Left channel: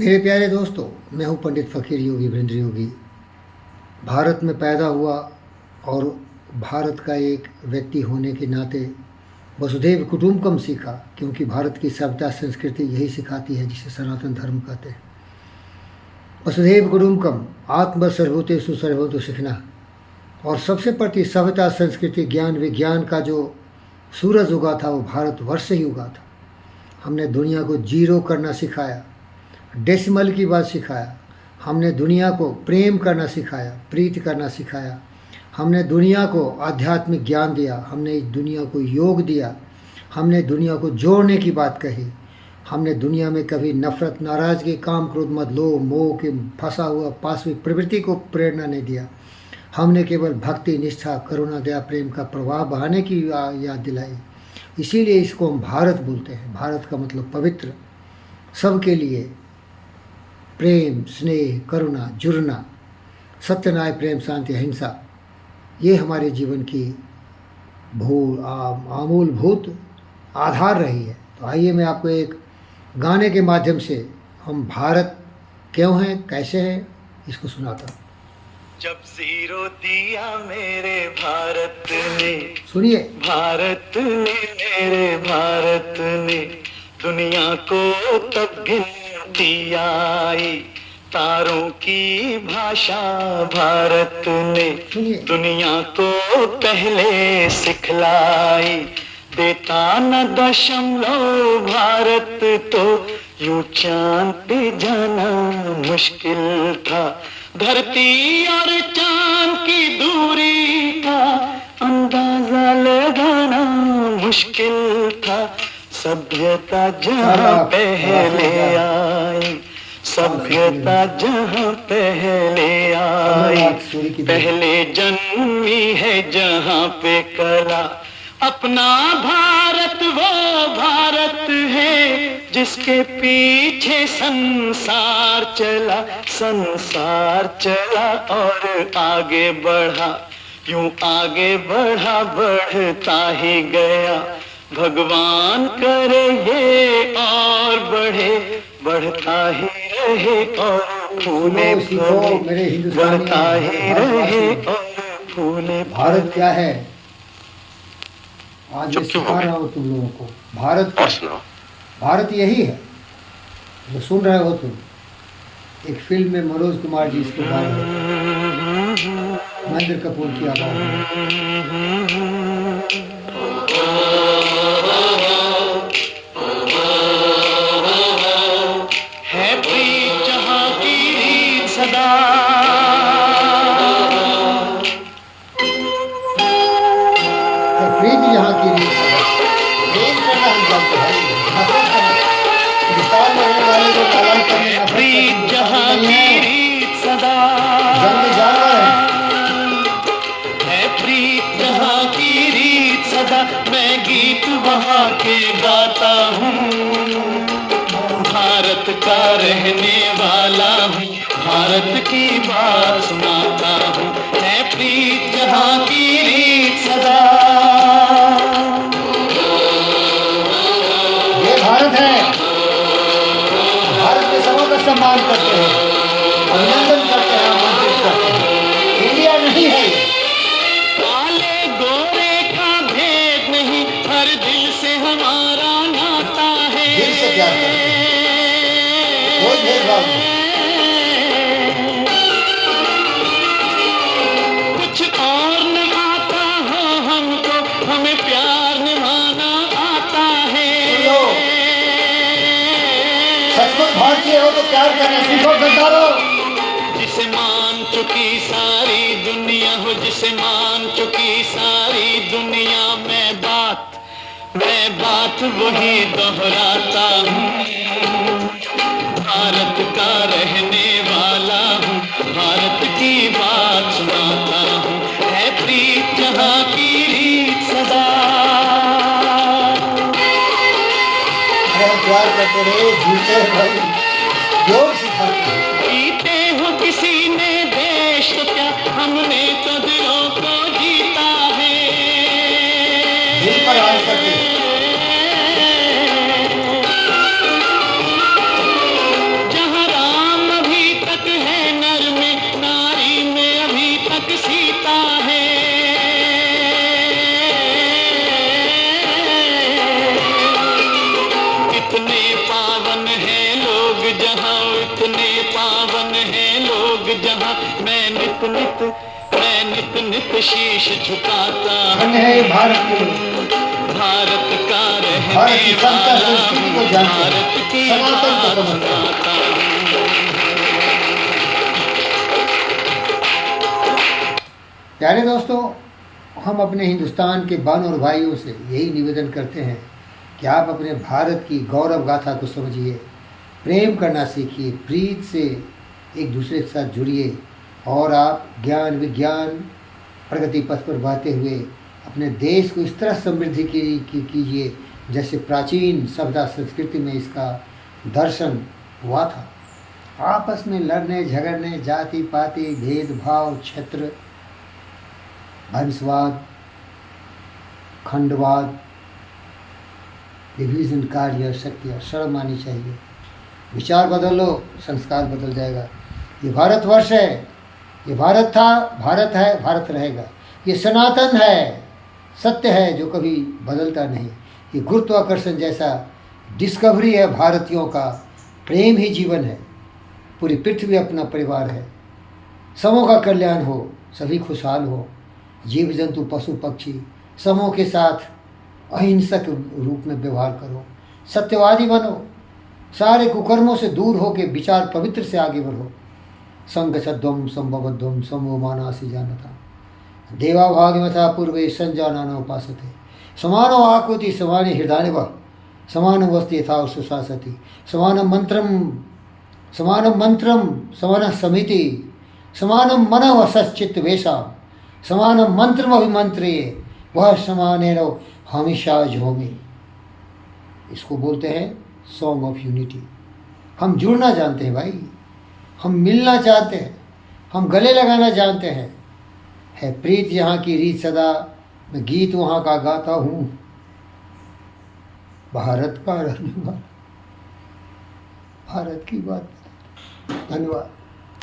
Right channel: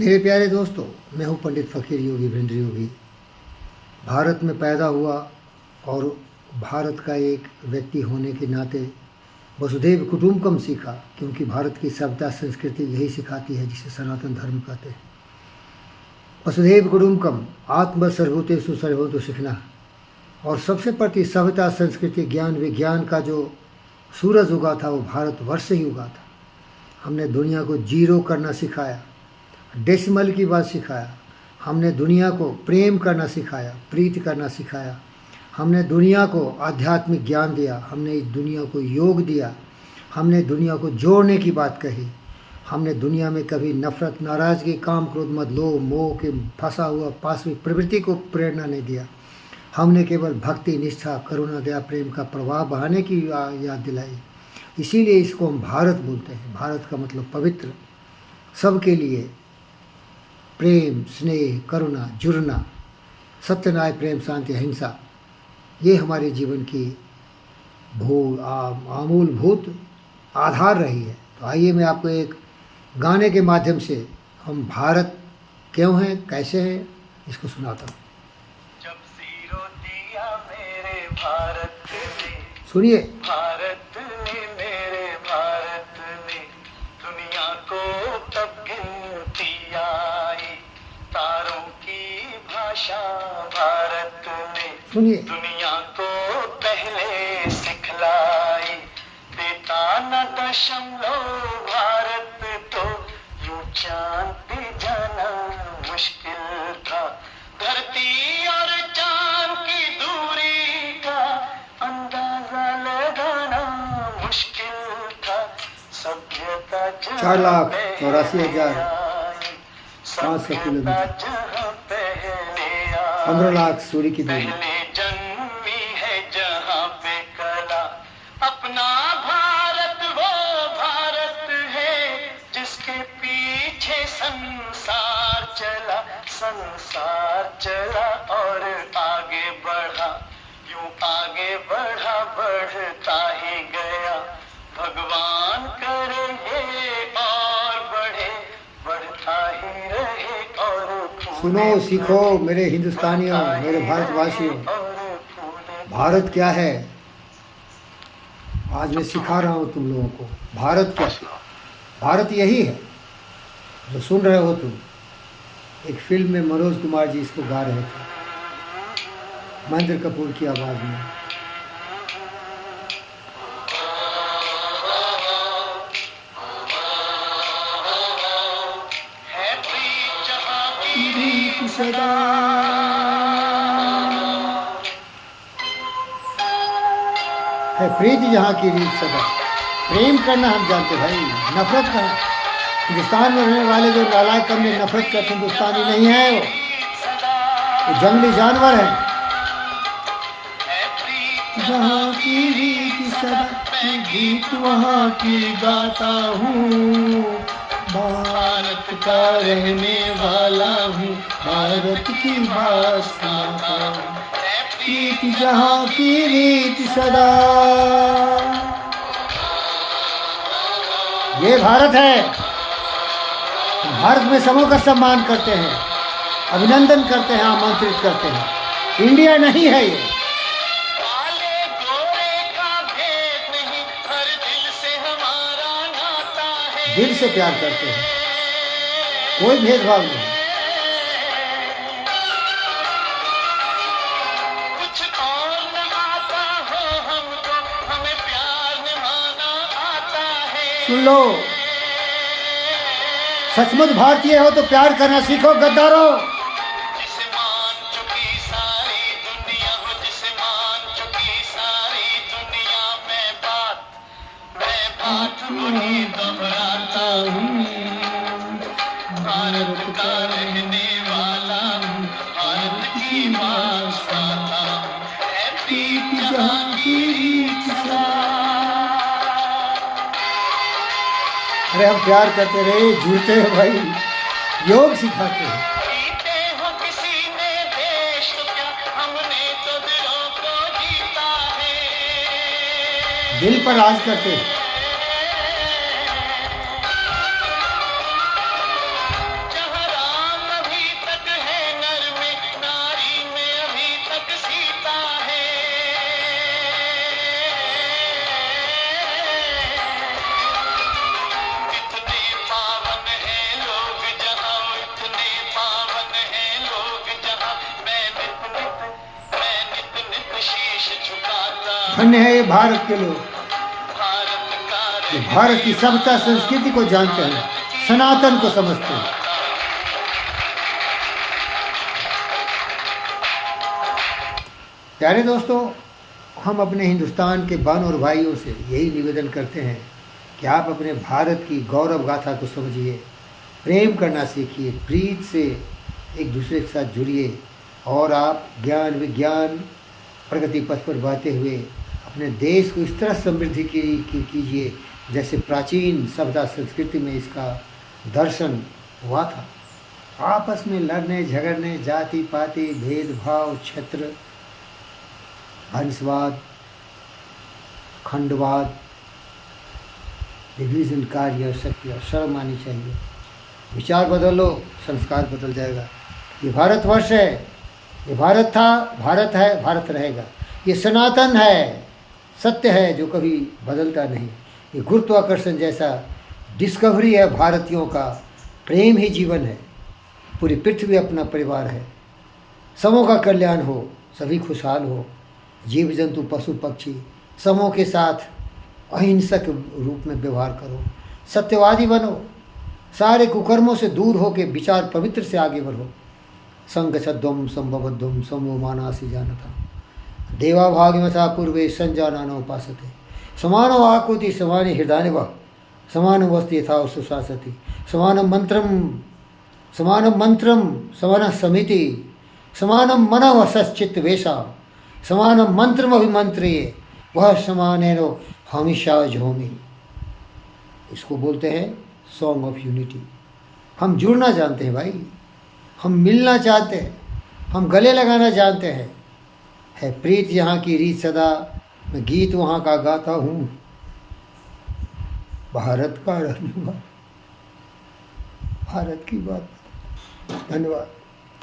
मेरे प्यारे दोस्तों, मैं हूं पंडित फ़कीर योगी वीरेंद्र योगी। भारत में पैदा हुआ और भारत का एक व्यक्ति होने के नाते वसुधैव कुटुंबकम सीखा, क्योंकि भारत की सभ्यता संस्कृति यही सिखाती है, जिसे सनातन धर्म कहते हैं। वसुधैव कुटुंबकम, आत्म सर्वभूतेषु सर्वभूतो सीखना। और सबसे प्रति सभ्यता संस्कृति ज्ञान विज्ञान का जो सूरज उगा था वो भारतवर्ष से ही उगा था। हमने दुनिया को जीरो करना सिखाया, डेसिमल की बात सिखाया। हमने दुनिया को प्रेम करना सिखाया, प्रीति करना सिखाया। हमने दुनिया को आध्यात्मिक ज्ञान दिया, हमने इस दुनिया को योग दिया, हमने दुनिया को जोड़ने की बात कही। हमने दुनिया में कभी नफरत, नाराज़गी, काम, क्रोध, मद, लोभ, मोह के फंसा हुआ पाशवी प्रवृत्ति को प्रेरणा नहीं दिया। हमने केवल भक्ति, निष्ठा, करुणा, दया, प्रेम का प्रवाह बहाने की याद दिलाई। इसीलिए इसको हम भारत बोलते हैं। भारत का मतलब पवित्र, सबके लिए प्रेम, स्नेह, करुणा, जुड़ना, सत्य, न्याय, प्रेम, शांति, अहिंसा, ये हमारे जीवन की आमूलभूत आधार रही है। तो आइए मैं आपको एक गाने के माध्यम से हम भारत क्यों हैं, कैसे हैं, इसको सुनाता हूँ। जब जीरो दिया मेरे भारत ने, सुनिए। भारत ने, मेरे भारत ने, दुनिया को तब गिनती आई। तारों की भाषा भारत ने दुनिया को पहले सिखलाई। देता न दशमलव भारत तो यूं चांद पे जाना मुश्किल था। धरती और चांद की दूरी का अंदाजा लगाना मुश्किल था। सभ्यता जहाँ पहले आई, सभ्यता जहाँ पहले आई, पहले जन्मी है जहाँ पे कला। अपना भारत वो भारत है जिसके पीछे संसार चला, संसार चला और आगे बढ़ा। यूं आगे बढ़ा, बढ़ता ही गया। भगवान करे ये और बढ़े, बढ़ता ही रहे और सुनो, सीखो मेरे हिंदुस्तानियों, मेरे भारतवासियों। भारत क्या है आज मैं सिखा रहा हूँ तुम लोगों को। भारत क्या, भारत यही है जो सुन रहे हो तुम। एक फिल्म में मनोज कुमार जी इसको गा रहे थे, महेंद्र कपूर की आवाज में। है प्रीत जहाँ की रीत सदा, है प्रीत जहाँ की रीत सदा। प्रेम करना हम जानते हैं, नफरत करना। हिंदुस्तान में रहने वाले जो नालायक में नफरत करते हिंदुस्तानी नहीं है, वो जंगली जानवर हैं। है प्रीत जहाँ की रीत सदा, मैं गीत वहाँ के गाता हूँ। भारत का रहने वाला हूँ, भारत की बात सुनाता हूँ। है प्रीत जहाँ की रीत सदा। ये भारत है। भारत में सबों का सम्मान करते हैं, अभिनंदन करते हैं, आमंत्रित करते हैं। इंडिया नहीं है ये। काले गोरे का भेद नहीं, हर दिल से हमारा नाता है। दिल से प्यार करते हैं, कोई भेदभाव नहीं। कुछ और न आता हो हमको, हमें प्यार निभाना आता है। सुन लो, सचमुच भारतीय हो तो प्यार करना सीखो गद्दारों। जिसे मान चुकी सारी दुनिया हो, जिसे मान चुकी सारी दुनिया, मैं बात वही दोहराता हूँ। भारत का रहने वाला हूँ, भारत की बात सुनाता हूँ। है प्रीत जहाँ की रीत सदा। अरे हम प्यार करते रहे, जुड़ते हैं भाई, योग सिखाते हैं। जीते हो किसी ने देश तो क्या, हमने तो दिलों को जीता है। दिल पर राज करते हैं। जहाँ मैं नित शीश झुकाता हूँ। धन्य है ये भारत के लोग, भारत का रहने भारत की सभ्यता संस्कृति को जानते हैं, सनातन को समझते हैं। प्यारे दोस्तों, हम अपने हिंदुस्तान के बान और भाइयों से यही निवेदन करते हैं कि आप अपने भारत की गौरव गाथा को समझिए, प्रेम करना सीखिए, प्रीत से एक दूसरे के साथ जुड़िए और आप ज्ञान विज्ञान प्रगति पथ पर बहते हुए अपने देश को इस तरह समृद्धि कीजिए जैसे प्राचीन सभ्यता संस्कृति में इसका दर्शन हुआ था। आपस में लड़ने झगड़ने, जाति पाति भेदभाव, क्षेत्र वंशवाद, खंडवाद, विभाजनकारी और शक्ति और शर्म आनी चाहिए। विचार बदलो, संस्कार बदल जाएगा। ये भारतवर्ष है, ये भारत था, भारत है, भारत रहेगा। ये सनातन है, सत्य है जो कभी बदलता नहीं। ये गुरुत्वाकर्षण जैसा डिस्कवरी है भारतीयों का, प्रेम ही जीवन है। पूरी पृथ्वी अपना परिवार है। समूह का कल्याण हो, सभी खुशहाल हो, जीव जंतु पशु पक्षी समूह के साथ अहिंसक रूप में व्यवहार करो, सत्यवादी बनो, सारे कुकर्मों से दूर हो के विचार पवित्र से आगे बढ़ो। संगच्छध्वम संभवध्वम समो मानासी जानता देवा भागमथा पूर्वे संजानानो उपासते समानो आकृति समानि हृदय व समानो वस्ति यथा सुशासति समानं मंत्रम समान समिति समानं मनः सच्चित वेशा समानं मंत्रम अभिमंत्रिये वह समानेनो हमेशा झोमी। इसको बोलते हैं सॉन्ग ऑफ यूनिटी। हम जुड़ना जानते हैं भाई, हम मिलना चाहते हैं, हम गले लगाना जानते हैं। है प्रीत यहाँ की रीत सदा, मैं गीत वहाँ का गाता हूँ। भारत का रहने वाला, भारत की बात। धन्यवाद।